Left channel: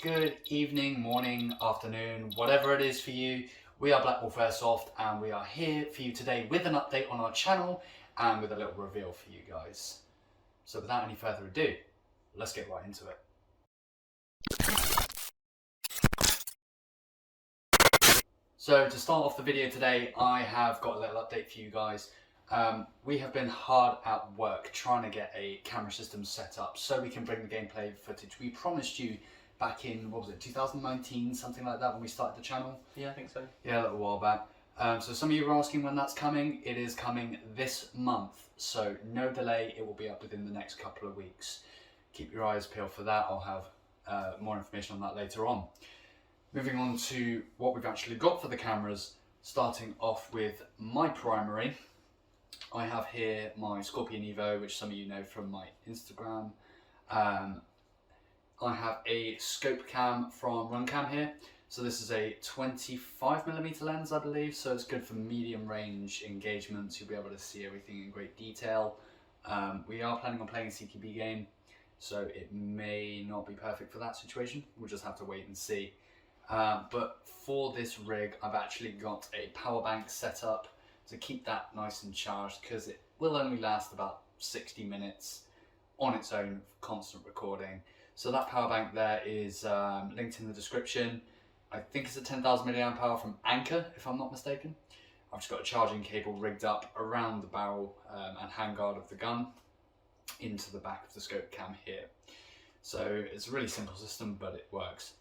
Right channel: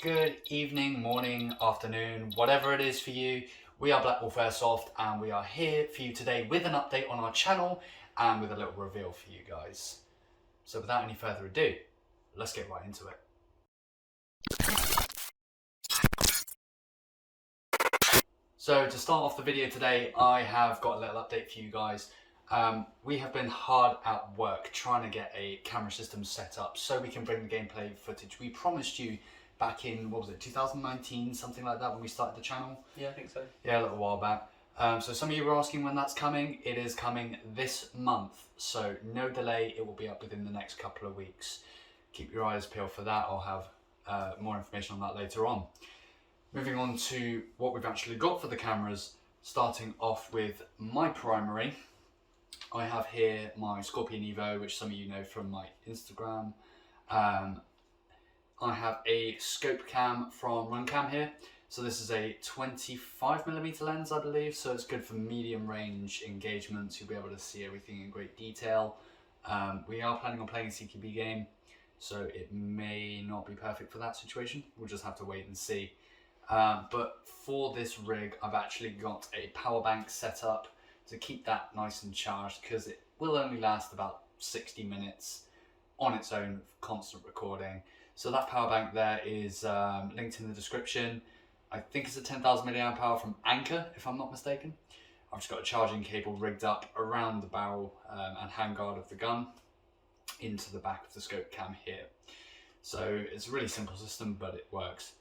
Good evening, morning, afternoon, whatever it is for you. We are Black Wolf Airsoft and we are here for you today with an update on our channel and with a little reveal for you guys. So without any further ado, let's get right into it. So to start off the video today, I have got a little update for you guys. We have been hard at work trying to get a camera system set up so we can bring the gameplay footage we promised you back in, what was it, 2019, something like that, when we started the channel? Yeah, I think so. Yeah, a little while back. So some of you were asking when that's coming. It is coming this month, so no delay. It will be up within the next couple of weeks. Keep your eyes peeled for that. I'll have more information on that later on. Moving on to what we've actually got for the cameras, starting off with my primary. I have here my Scorpion Evo, which some of you know from my Instagram. I have a scope cam from Runcam here. So this is a 25mm lens, I believe, so it's good for medium range engagements. You'll be able to see everything in great detail. We are planning on playing a CQB game, so it may not be perfect for that situation. We'll just have to wait and see. But for this rig, I've actually got a power bank set up to keep that nice and charged, because it will only last about 60 minutes on its own, constant recording. So that power bank there is linked in the description. I think it's a 10,000 milliamp hour from Anker, if I'm not mistaken. I've just got a charging cable rigged up around the barrel and handguard of the gun into the back of the scope cam here. So it's a really simple system, but it works.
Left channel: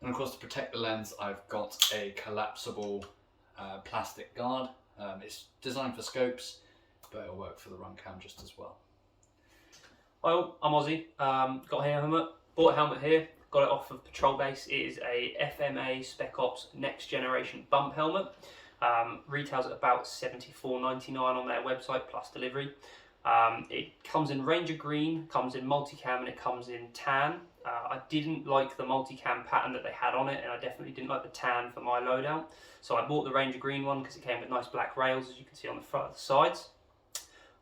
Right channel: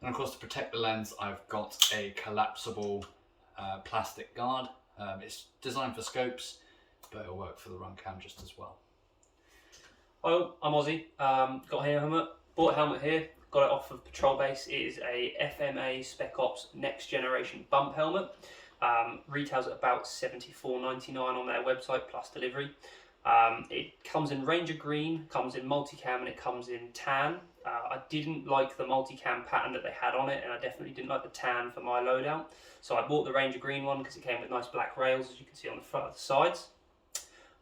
And of course, to protect the lens, I've got a collapsible plastic guard. It's designed for scopes, but it'll work for the Runcam just as well. Well, I'm Ozzay. Got a helmet. Bought a helmet here. Got it off of Patrol Base. It is a FMA Spec Ops Next Generation bump helmet. Retails at about $74.99 on their website plus delivery. It comes in Ranger Green, comes in multicam, and it comes in tan. I didn't like the multicam pattern that they had on it, and I definitely didn't like the tan for my loadout. So I bought the Ranger Green one because it came with nice black rails, as you can see on the sides.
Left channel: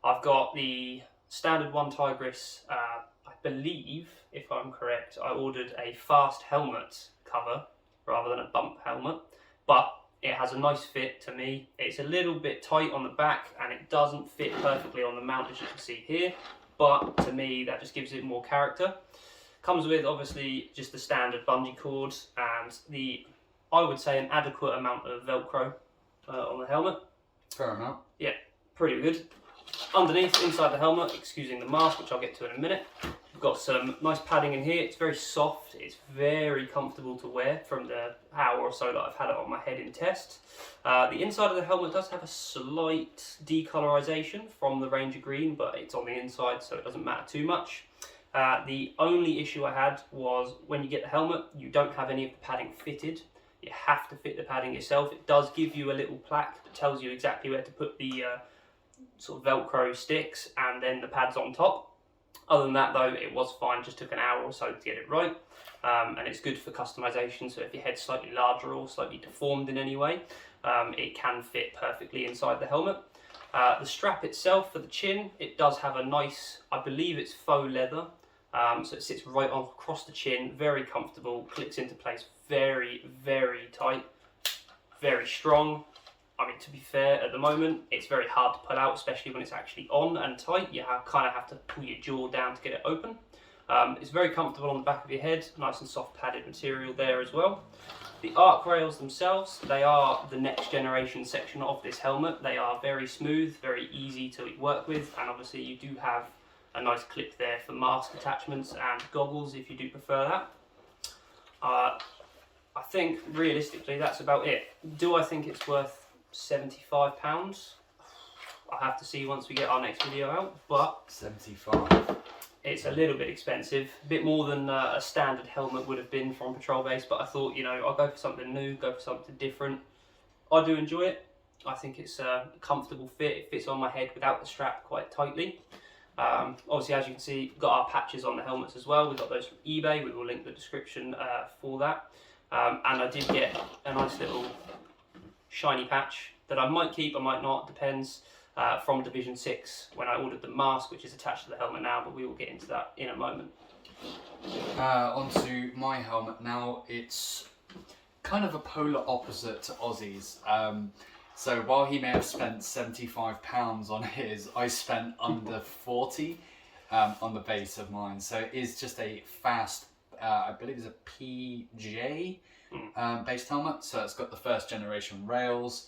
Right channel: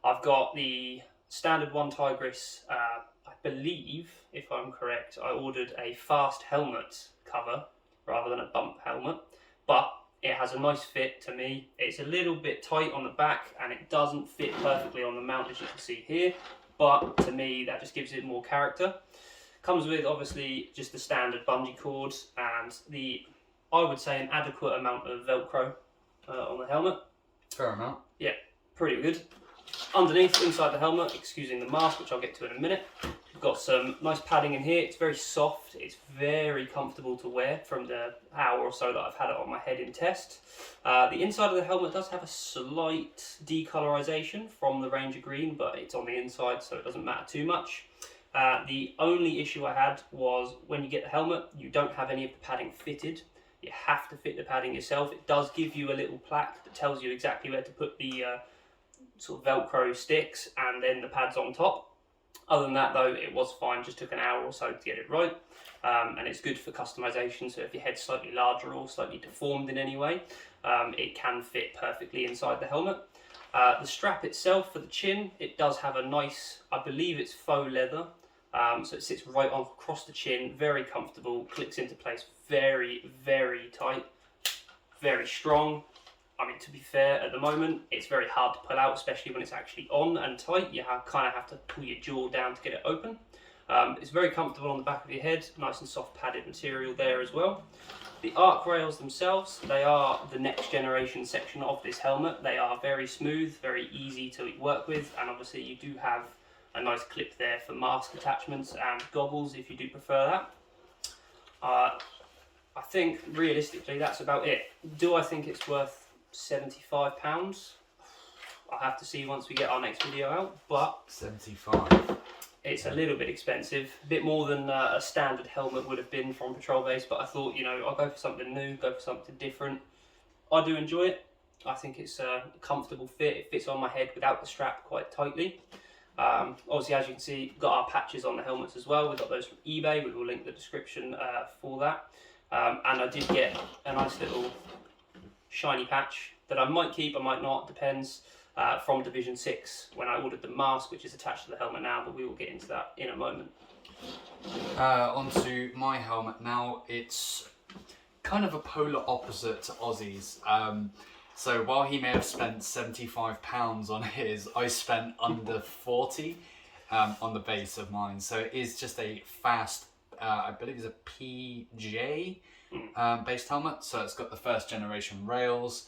I've got the standard one Tigris. I believe, if I'm correct, I ordered a fast helmet cover rather than a bump helmet, but it has a nice fit to me. It's a little bit tight on the back and it doesn't fit perfectly on the mount, as you can see here, but to me that just gives it more character. Comes with obviously just the standard bungee cord and I would say an adequate amount of Velcro on the helmet. Fair amount. Yeah, pretty good. Underneath, inside the helmet, excusing the mask, which I'll get to in a minute, we've got some nice padding in here. It's very soft, it's very comfortable to wear from the hour or so that I've had it on my head in test. The inside of the helmet does have a slight decolorization from the Ranger Green, but it's on the inside, so it doesn't matter too much. The only issue I had was when you get the helmet, you don't have any of the padding fitted. You have to fit the padding yourself. It does give you a little plaque that tells you exactly where to put the sort of Velcro sticks and then the pads on top. Other than that though, it was fine, just took an hour or so to get it right. And it's good for customization, so if your head's slightly larger or slightly deformed in any way, it can fit perfectly inside the helmet. The strap itself for the chin, it does have a nice, I believe it's faux leather, so it sits right on across the chin, very comfortable, clicks into place very, very tight, very strong. I mean, to be fair, at the moment, it's very hard to pull out, especially when it's actually on and tight. You kind of have to pull your jaw down to get it open. It's very comfortable on the back of your head, nice and soft padded material there as well. The arc rails themselves, they are the next generation section of this helmet. They are very smooth, very easy to work with, and obviously you do have a nice clip there for mask attachments and goggles if you do prefer that. I think realistically that's about it. Do I think it's worth £75? I'll have to see once we get our next video out, but 75. It's a little bit expensive, a bit more than a standard helmet would have been from Patrol Base, but I thought, you know, I'll go for something new, go for something different. I do enjoy it. I think it's a comfortable fit. It fits on my head without the strap quite tightly. Obviously, as you can see, we've got our patches on the helmets as well. We've got those from eBay. We will link the description for that. And I did get a nice little shiny patch that I might keep, I might not, depends, from Division 6 when I ordered the mask, which is attached to the helmet now, but we will get into that in a moment. Onto my helmet now. It's kind of a polar opposite to Ozzay's. So while he may have spent £75 on his, I spent under 40 on the base of mine. So it is just a fast, I believe it's a PJ based helmet. So it's got the first generation rails.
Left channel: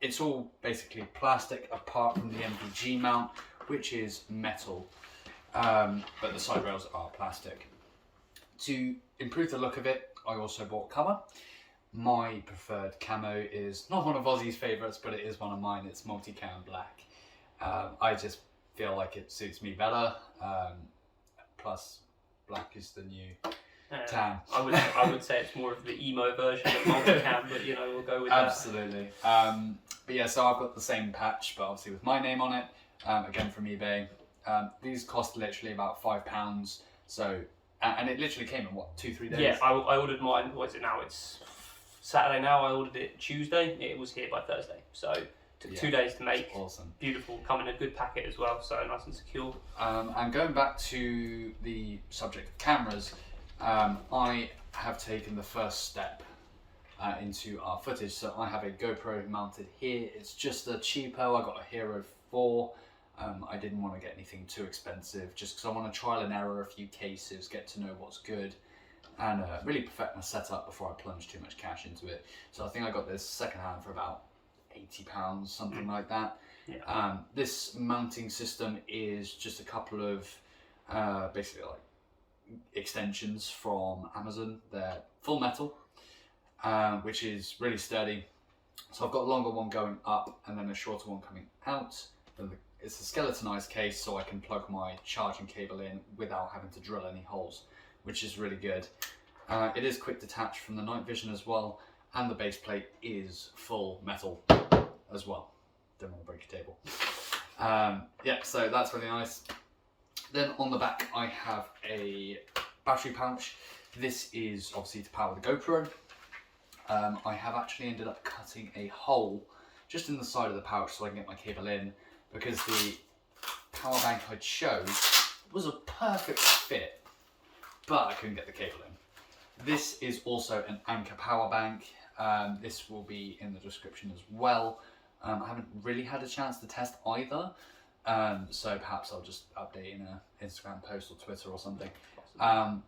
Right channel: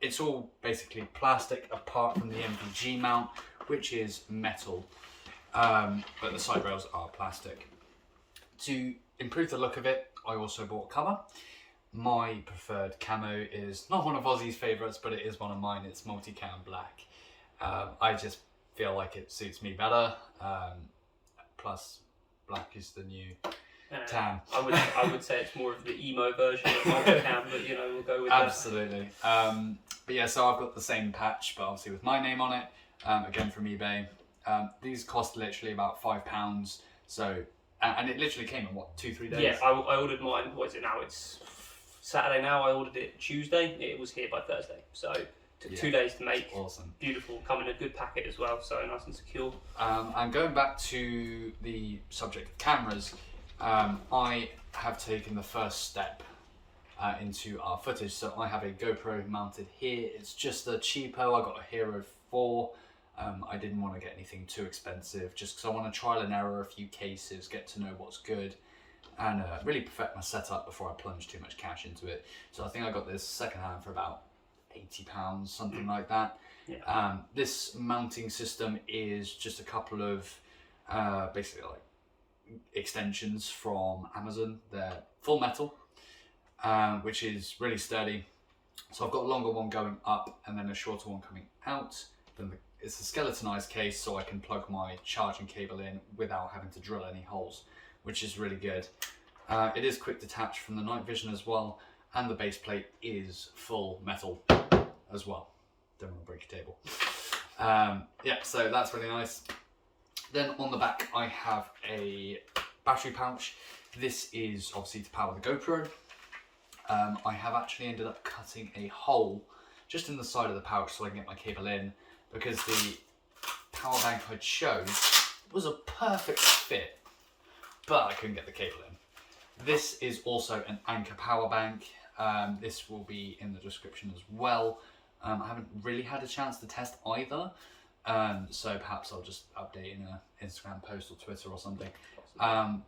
It's all basically plastic apart from the MPG mount, which is metal. But the side rails are plastic. To improve the look of it, I also bought cover. My preferred camo is not one of Ozzay's favourites, but it is one of mine. It's multicam black. I just feel like it suits me better. Plus, black is the new tan. I would say it's more of the emo version of multicam, but you know, we'll go with Absolutely. But yeah, so I've got the same patch, but obviously with my name on it. Again from eBay. These cost literally about £5. So, and it literally came in what, 2-3 days? Yeah, I ordered mine. What is it now? It's Saturday now. I ordered it Tuesday. It was here by Thursday. So took 2 days to make. Awesome. Beautiful. Come in a good packet as well. So nice and secure. And going back to the subject of cameras, I have taken the first step into our footage. So I have a GoPro mounted here. It's just a cheapo. I got a Hero 4. I didn't want to get anything too expensive, just because I want to trial and error a few cases, get to know what's good, and really perfect my setup before I plunge too much cash into it. So I think I got this secondhand for about £80, something like that. Yeah. This mounting system is just a couple of basically like extensions from Amazon. They're full metal, which is really sturdy. So I've got a longer one going up and then a shorter one coming out. Then it's a skeletonized case, so I can plug my charging cable in without having to drill any holes, which is really good. It is quick detach from the night vision as well, and the base plate is full metal as well. Don't want to break a table. Yeah, so that's really nice. Then on the back I have a battery pouch. This is obviously to power the GoPro. I have actually ended up cutting a hole just in the side of the pouch so I can get my cable in, because the power bank I chose was a perfect fit, but I couldn't get the cable in. This is also an Anker power bank. This will be in the description as well. I haven't really had a chance to test either, so perhaps I'll just update in an Instagram post or Twitter or something.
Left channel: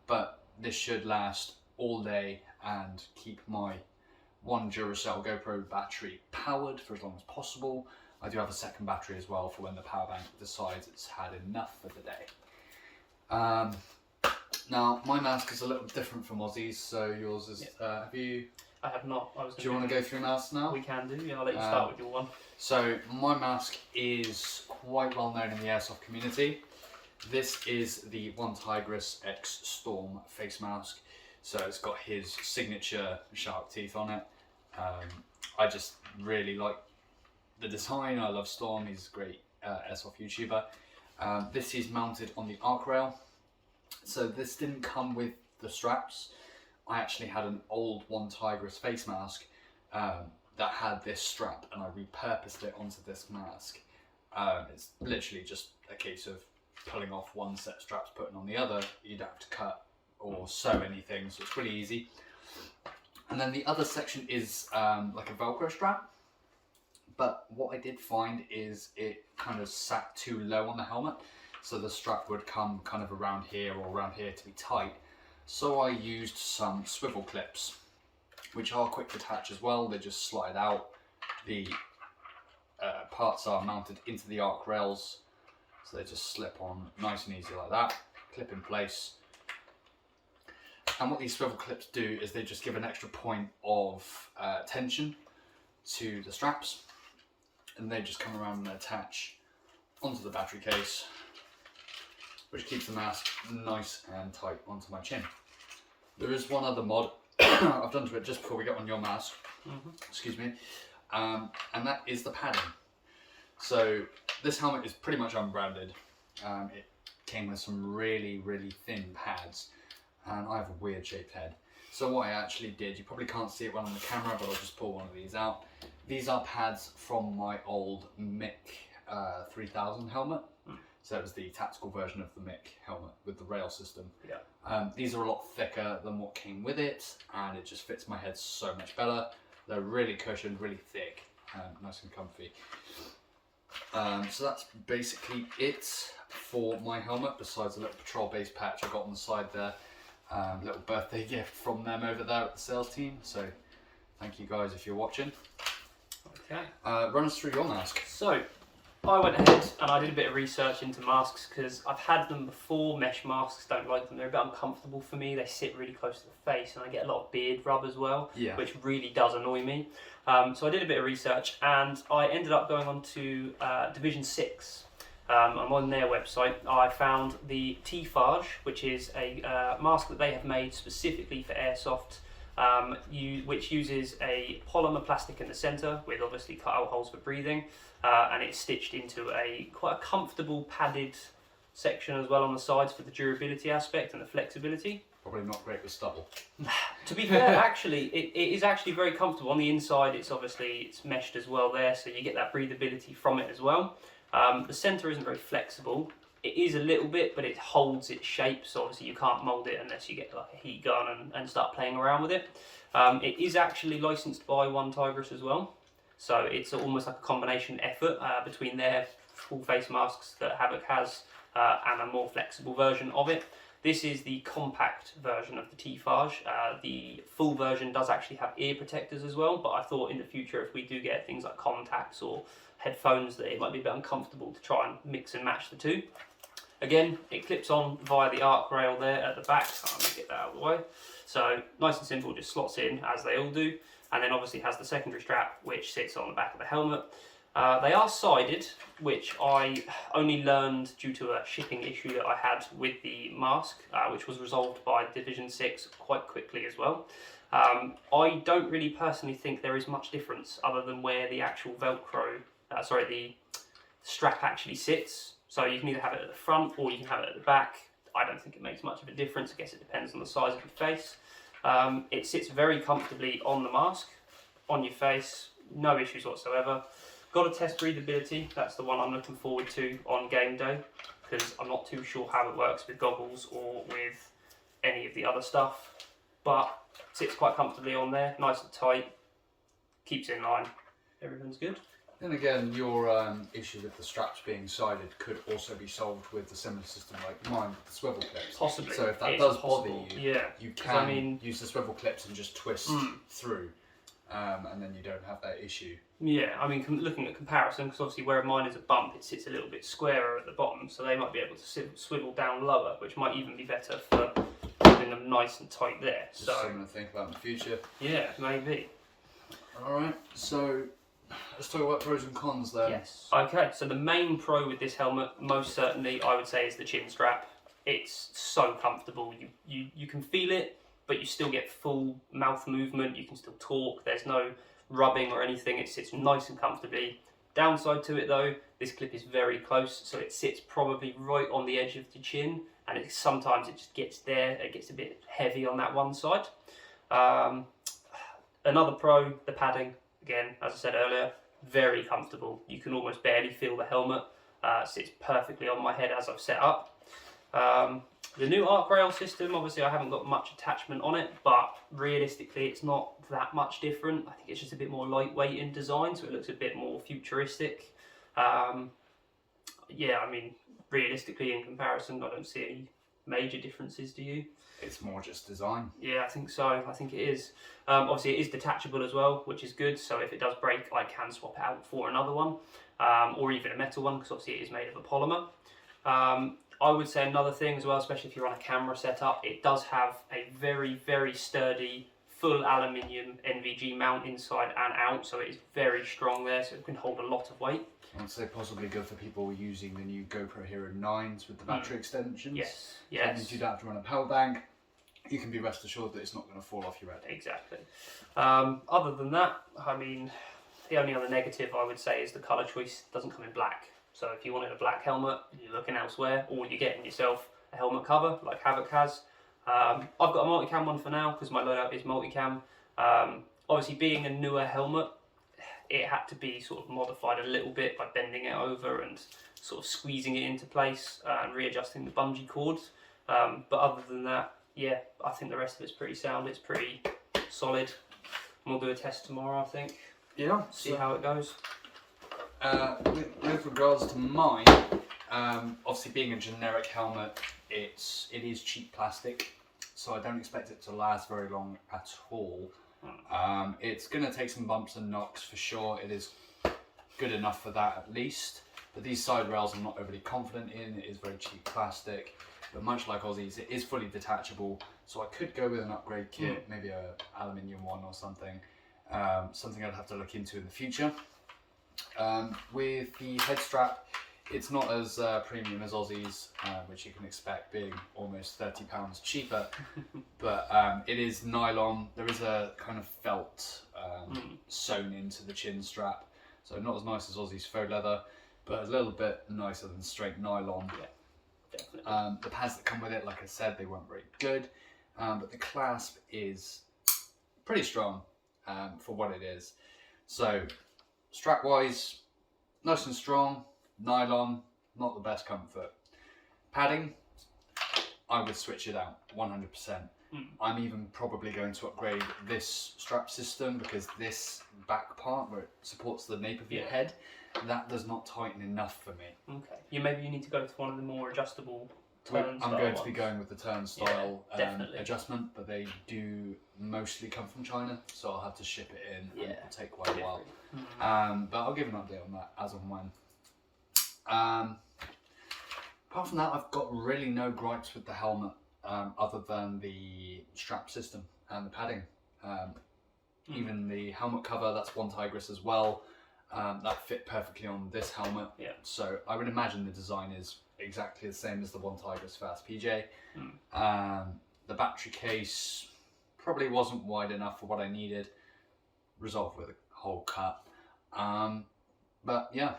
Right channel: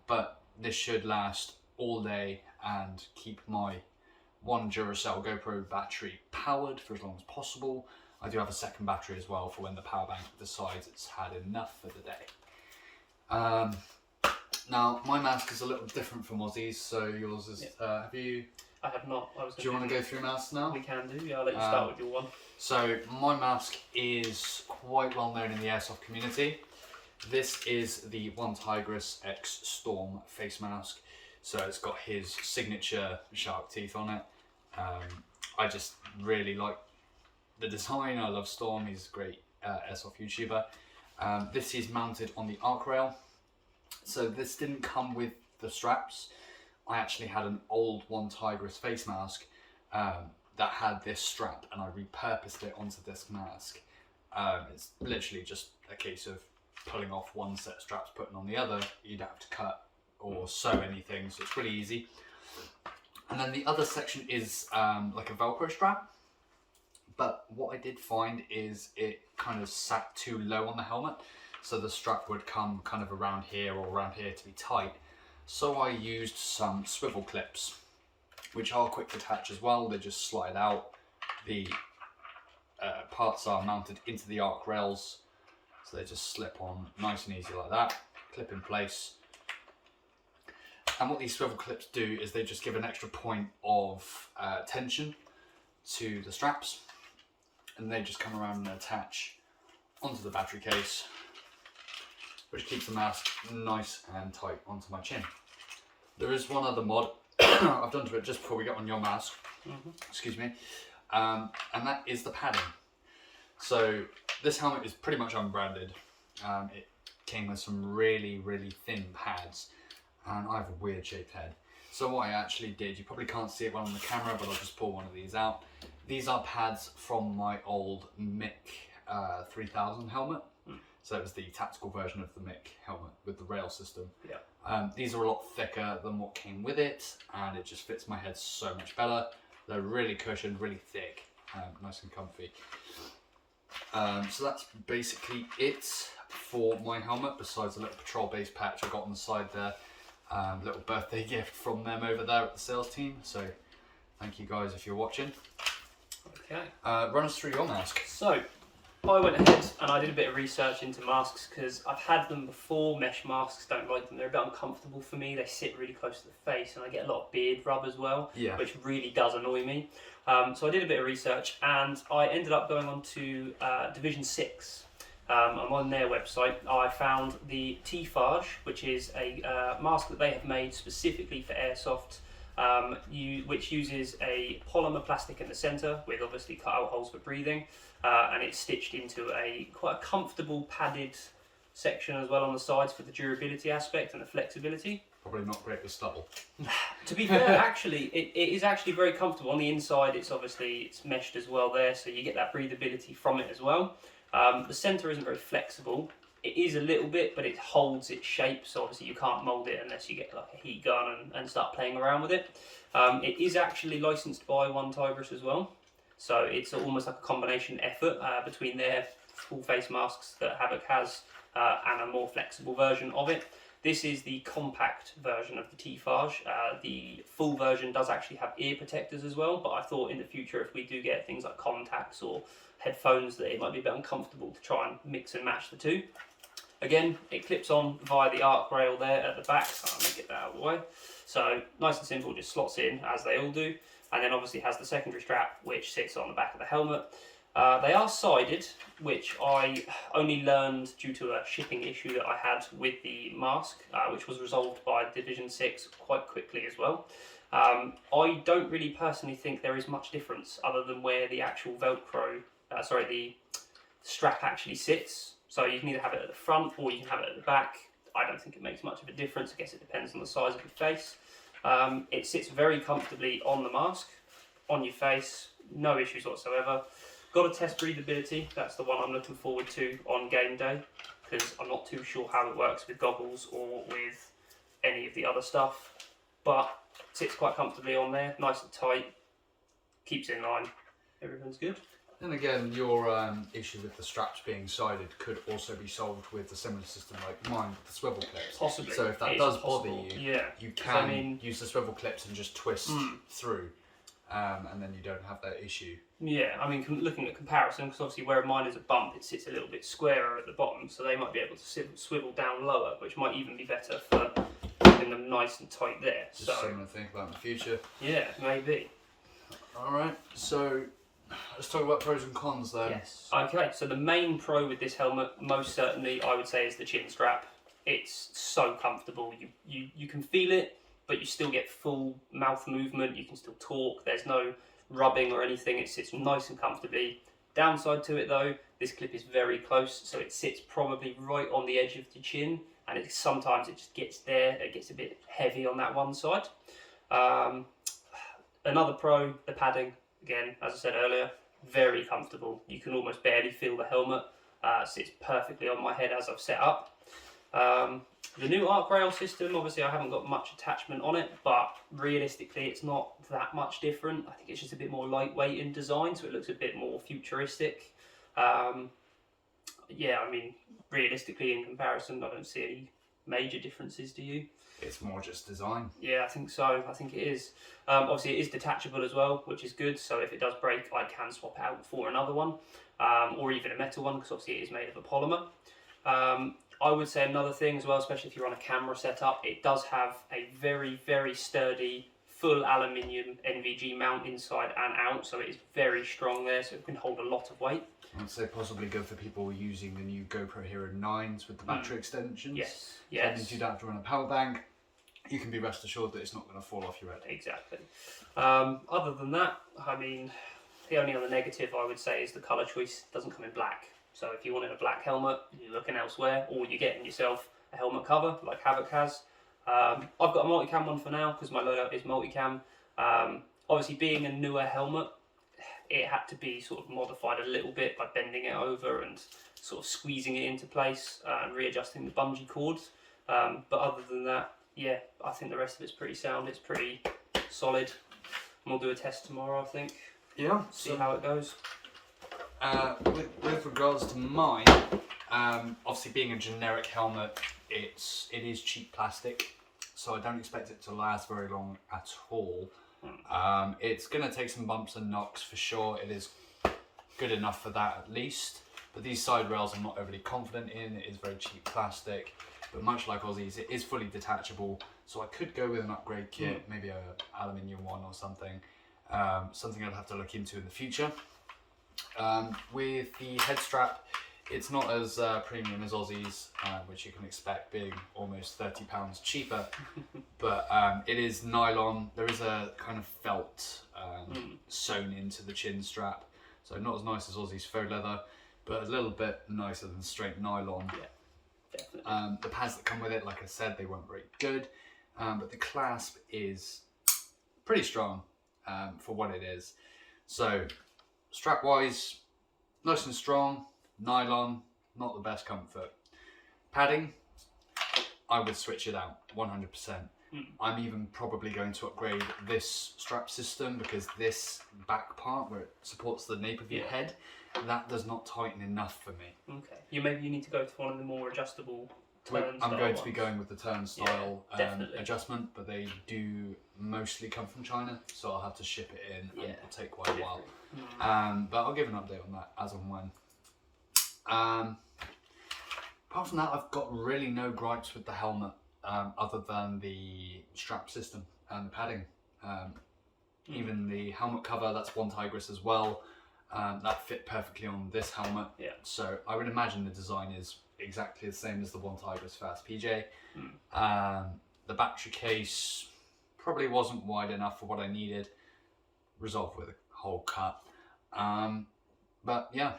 But this should last all day and keep my one Duracell GoPro battery powered for as long as possible. I do have a second battery as well for when the power bank decides it's had enough for the day. Now, my mask is a little different from Ozzay's, so yours is, have you... I have not. Do you want to go through masks now? We can do, yeah, I'll let you start with your one. So, my mask is quite well known in the Airsoft community. This is the One Tigris X Storm face mask. So it's got his signature shark teeth on it. I just really like the design. I love Storm, he's a great Airsoft YouTuber. This is mounted on the arc rail. So this didn't come with the straps. I actually had an old One Tigris face mask that had this strap, and I repurposed it onto this mask. It's literally just a case of pulling off one set of straps, putting on the other. You'd have to cut or sew anything, so it's really easy. And then the other section is like a Velcro strap. But what I did find is it kind of sat too low on the helmet, so the strap would come kind of around here or around here to be tight. So I used some swivel clips, which are quick detach as well. They just slide out. The parts are mounted into the arc rails, so they just slip on nice and easy like that, clip in place. And what these swivel clips do is they just give an extra point of tension to the straps, and they just come around and attach onto the battery case, which keeps the mask nice and tight onto my chin. There is one other mod I've done to it just before we get on your mask, excuse me, and that is the padding. So this helmet is pretty much unbranded. It came with some really, really thin pads, and I have a weird shaped head. So what I actually did, you probably can't see it well on the camera, but I'll just pull one of these out. These are pads from my old Mick 3000 helmet. So it was the tactical version of the Mick helmet with the rail system. Yeah. These are a lot thicker than what came with it, and it just fits my head so much better. They're really cushioned, really thick, nice and comfy. So that's basically it for my helmet, besides a little patrol base patch I got on the side there. Little birthday gift from them over there at the sales team. So thank you guys if you're watching. Okay. Run us through your mask. So I went ahead and I did a bit of research into masks because I've had them before. Mesh masks, don't like them. They're a bit uncomfortable for me. They sit really close to the face and I get a lot of beard rub as well, which really does annoy me. So I did a bit of research and I ended up going on to Division 6. I'm on their website. I found the T-Fage, which is a mask that they have made specifically for airsoft, which uses a polymer plastic in the centre with obviously cut-out holes for breathing, and it's stitched into quite a comfortable padded section as well on the sides for the durability aspect and the flexibility. Probably not great with stubble. To be fair, actually, it is actually very comfortable. On the inside, it's meshed as well there, so you get that breathability from it as well. The centre isn't very flexible. It is a little bit, but it holds its shape, so obviously you can't mould it unless you get like a heat gun and start playing around with it. It is actually licensed by One Tigress as well, so it's almost like a combination effort between their full face masks that Havoc has and a more flexible version of it. This is the compact version of the T-Fage. The full version does actually have ear protectors as well, but I thought in the future if we do get things like contacts or headphones that it might be a bit uncomfortable to try and mix and match the two. Again, it clips on via the arc rail there at the back, so I'm going to get that out of the way. So nice and simple, just slots in as they all do, and then obviously has the secondary strap which sits on the back of the helmet. They are sided, which I only learned due to a shipping issue that I had with the mask, which was resolved by Division 6 quite quickly as well. I don't really personally think there is much difference other than where the actual Velcro, the strap actually sits. So you can either have it at the front or you can have it at the back. I don't think it makes much of a difference. I guess it depends on the size of your face. It sits very comfortably on the mask, on your face, no issues whatsoever. Got to test breathability. That's the one I'm looking forward to on game day because I'm not too sure how it works with goggles or with any of the other stuff. But it sits quite comfortably on there, nice and tight, keeps in line. Everything's good. And again, your issue with the straps being sided could also be solved with a similar system like mine with the swivel clips. Possibly. So if that does bother you, you can I mean, use the swivel clips and just twist through, and then you don't have that issue. Yeah, I mean, looking at comparison, because obviously where mine is a bump, it sits a little bit squarer at the bottom, so they might be able to swivel down lower, which might even be better for keeping them nice and tight there. Just something to think about in the future. Yeah, maybe. All right, so let's talk about pros and cons then. Yes. Okay, so the main pro with this helmet, most certainly, I would say, is the chin strap. It's so comfortable. You can feel it, but you still get full mouth movement. You can still talk. There's no rubbing or anything. It sits nice and comfortably. Downside to it though, this clip is very close, so it sits probably right on the edge of the chin, and sometimes it just gets there. It gets a bit heavy on that one side. Another pro, the padding. Again, as I said earlier, very comfortable. You can almost barely feel the helmet. Sits perfectly on my head as I've set up. The new arc rail system, obviously I haven't got much attachment on it, but realistically it's not that much different. I think it's just a bit more lightweight in design, so it looks a bit more futuristic. Yeah, I mean, realistically in comparison, I don't see any major differences, do you? It's more just design. Yeah, I think so. I think it is. Obviously, it is detachable as well, which is good. So if it does break, I can swap it out for another one, or even a metal one, because obviously it is made of a polymer. I would say another thing as well, especially if you're on a camera setup, it does have a very, very sturdy, full aluminium NVG mount inside and out. So it is very strong there, so it can hold a lot of weight. I'd say possibly good for people using the new GoPro Hero 9s with the battery extensions. Yes, That yes. means you don't have to run a power bank. You can be rest assured that it's not going to fall off your head. Exactly. Other than that, I mean, the only other negative I would say is the colour choice doesn't come in black. So if you wanted a black helmet, you're looking elsewhere, or you're getting yourself a helmet cover like Havoc has. I've got a multicam one for now because my loadout is multicam. Obviously, being a newer helmet, it had to be sort of modified a little bit by bending it over and sort of squeezing it into place and readjusting the bungee cords. But other than that, yeah, I think the rest of it's pretty sound. It's pretty solid. And we'll do a test tomorrow, I think. Yeah. See how it goes. With regards to mine, obviously being a generic helmet, it is cheap plastic, so I don't expect it to last very long at all. It's going to take some bumps and knocks for sure. It is good enough for that at least. But these side rails I'm not overly confident in. It is very cheap plastic, but much like Ozzay's, it is fully detachable. So I could go with an upgrade kit, maybe a aluminium one or something. Something I'd have to look into in the future. With the head strap, it's not as premium as Ozzay's, which you can expect being almost £30 cheaper, but it is nylon. There is a kind of felt sewn into the chin strap, so not as nice as Ozzay's faux leather, but a little bit nicer than straight nylon. Yeah, definitely. The pads that come with it, like I said, they weren't very good, but the clasp is pretty strong for what it is. So strap wise, nice and strong. Nylon, not the best comfort. Padding, I would switch it out 100%. I'm even probably going to upgrade this strap system, because this back part where it supports the nape of your head, that does not tighten enough for me. Okay. Maybe you need to go to one of the more adjustable turnstile I'm going to ones. be going with the turnstile adjustment, but they do mostly come from China, so I'll have to ship it in, and it'll take quite a while. But I'll give an update on that as and when. Apart from that, I've got really no gripes with the helmet, other than the strap system and the padding. Even the helmet cover, that's one Tigris as well. That fit perfectly on this helmet. So I would imagine the design is exactly the same as the one Tigris Fast PJ. The battery case probably wasn't wide enough for what I needed. Resolved with a hole cut. But yeah,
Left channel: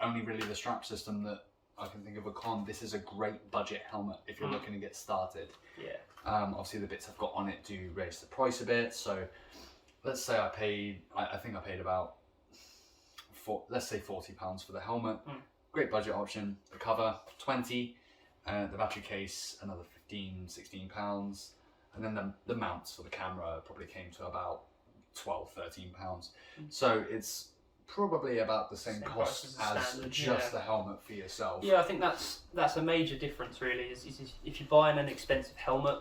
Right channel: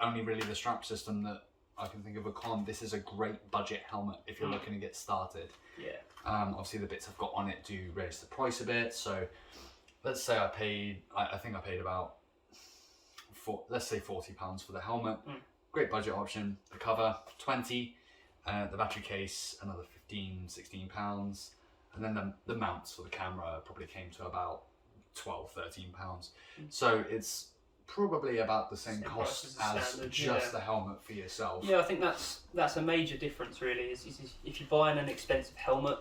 only really the strap system that I can think of a con. This is a great budget helmet if you're looking to get started. Obviously the bits I've got on it do raise the price a bit. So let's say I think I paid about let's say £40 for the helmet. Great budget option. The cover 20, the battery case another 15-16 pounds, and then the mounts for the camera probably came to about 12-13 pounds. So it's probably about the same cost as just the helmet for yourself. I think that's a major difference really. Is if you're buying an expensive helmet,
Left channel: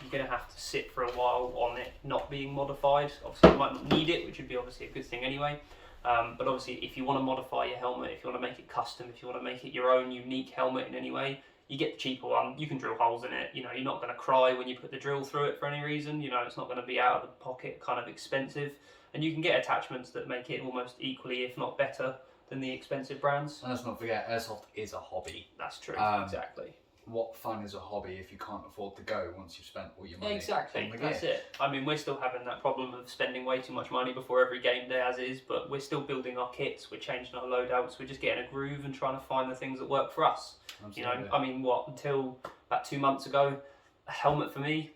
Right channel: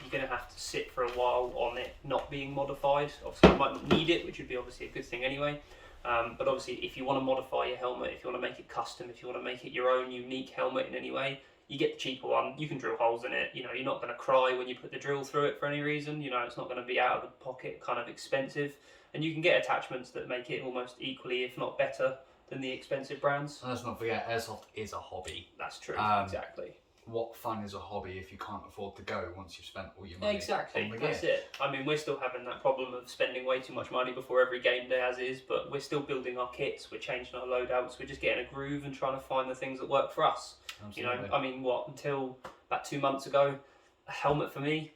you're going to have to sit for a while on it not being modified. Obviously you might not need it, which would be obviously a good thing anyway. But obviously if you want to modify your helmet, if you want to make it custom, if you want to make it your own unique helmet in any way, you get the cheaper one. You can drill holes in it. You're not going to cry when you put the drill through it for any reason. It's not going to be out of the pocket kind of expensive. And you can get attachments that make it almost equally, if not better, than the expensive brands. And let's not forget, Airsoft is a hobby. That's true, exactly. What fun is a hobby if you can't afford to go once you've spent all your money? Exactly, that's it. I mean, we're still having that problem of spending way too much money before every game day as is, but we're still building our kits, we're changing our loadouts, we're just getting a groove and trying to find the things that work for us. Absolutely. I mean, until about 2 months ago, a helmet for me,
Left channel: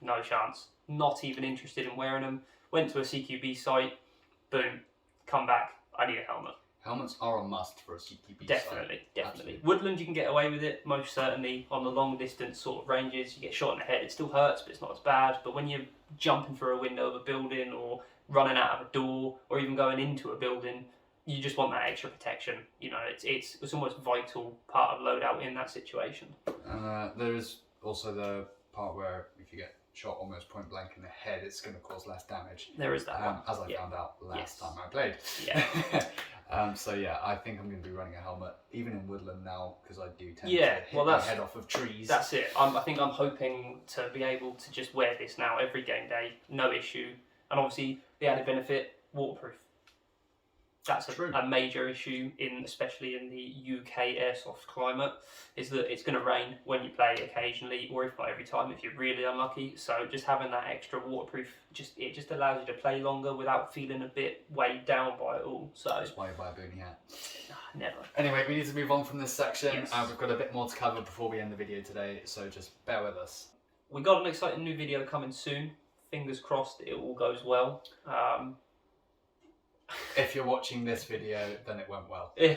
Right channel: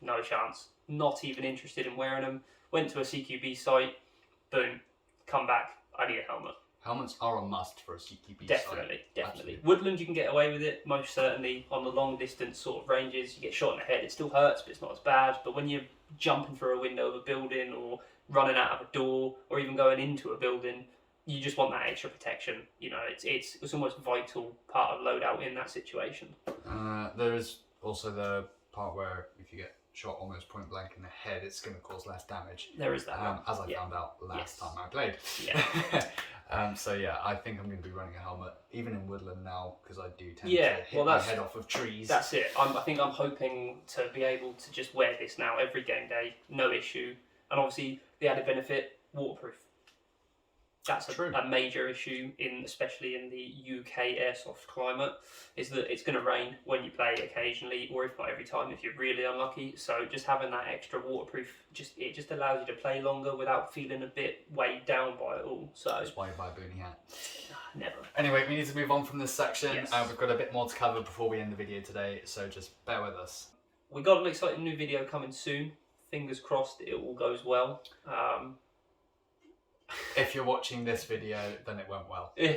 no chance. Not even interested in wearing them. Went to a CQB site, boom, come back, I need a helmet. Helmets are a must for a CQB site. Definitely. Absolutely. Woodland, you can get away with it, most certainly. On the long distance sort of ranges, you get shot in the head, it still hurts, but it's not as bad. But when you're jumping through a window of a building, or running out of a door, or even going into a building, you just want that extra protection. It's almost vital part of loadout in that situation. There is also the part where if you get shot almost point blank in the head, it's going to cause less damage. There is that one. As I found out last time I played. So yeah, I think I'm going to be running a helmet, even in woodland now, because I do tend to hit my head off of trees. That's it. I think I'm hoping to be able to just wear this now every game day, no issue. And obviously the added benefit, waterproof. That's a major issue, especially in the UK airsoft climate, is that it's going to rain when you play occasionally, or if not every time if you're really unlucky. So just having that extra waterproof, it just allows you to play longer without feeling a bit weighed down by it all. So that's why you buy a boonie hat. Never. Anyway, we need to move on from this section. We've got a bit more to cover before we end the video today, so just bear with us. We got an exciting new video coming soon. Fingers crossed it all goes well. if you're watching this video, then it went well. Yeah,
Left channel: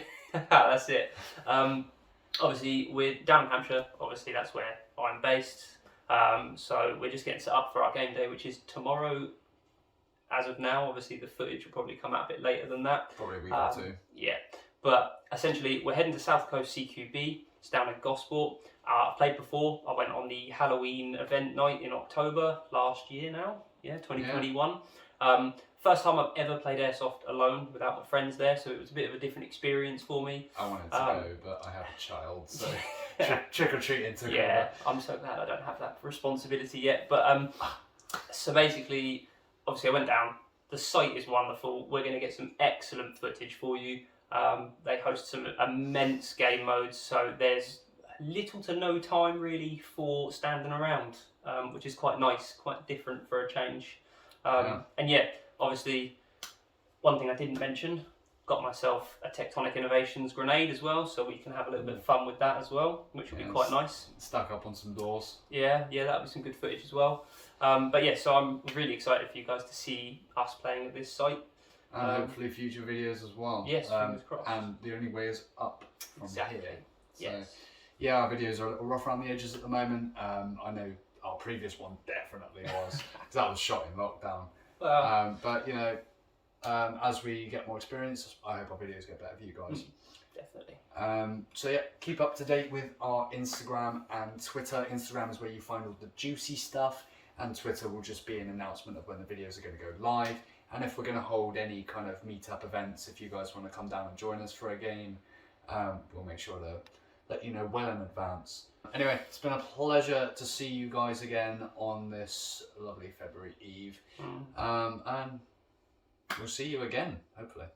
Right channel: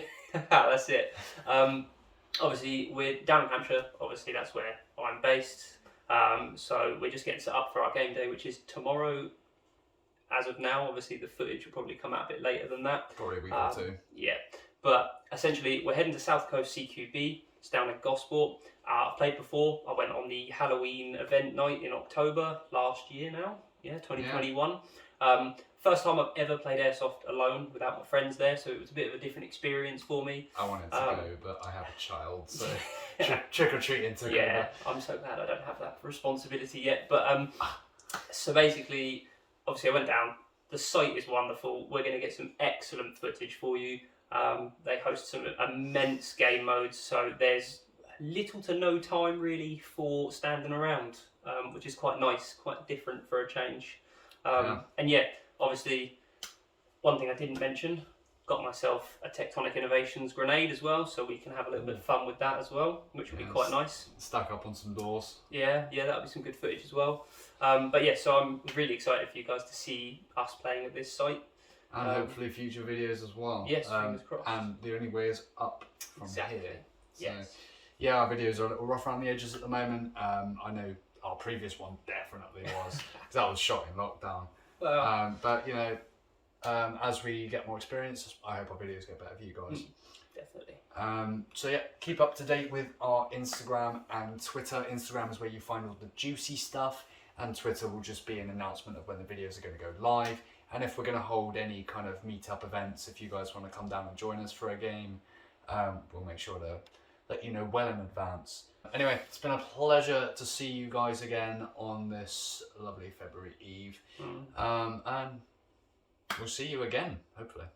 that's it. Obviously, we're down in Hampshire. Obviously, that's where I'm based. So we're just getting set up for our game day, which is tomorrow. As of now, obviously the footage will probably come out a bit later than that. Probably a week or two. Yeah, but essentially we're heading to South Coast CQB. It's down in Gosport. I've played before. I went on the Halloween event night in October last year now. Yeah, 2021. Yeah. First time I've ever played Airsoft alone without my friends there, so it was a bit of a different experience for me. I wanted to go, but I have a child, so trick or treating took over. Yeah, I'm so glad I don't have that responsibility yet. But so basically, obviously I went down. The site is wonderful. We're going to get some excellent footage for you. They host some immense game modes, so there's little to no time really for standing around, which is quite nice, quite different for a change. And yeah, obviously, one thing I didn't mention, got myself a Tectonic Innovations grenade as well, so we can have a little bit of fun with that as well, which will be quite nice. Stack up on some doors. Yeah, that'll be some good footage as well. But yeah, so I'm really excited for you guys to see us playing at this site. And hopefully future videos as well. Yes, fingers crossed. And the only way is up from here. So, yes. Yeah, our videos are a little rough around the edges at the moment. I know our previous one definitely was, because that was shot in lockdown. Well, but you know, as we get more experience, I hope our videos get better for you guys. Definitely. So yeah, keep up to date with our Instagram and Twitter. Instagram is where you find all the juicy stuff, and Twitter will just be an announcement of when the videos are going to go live, and if we're going to hold any kind of meetup events. If you guys want to come down and join us for a game, we'll make sure to let you know well in advance. Anyway, it's been a pleasure to see you guys again on this lovely February Eve. And we'll see you again, hopefully.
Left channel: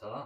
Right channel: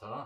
Ta-da.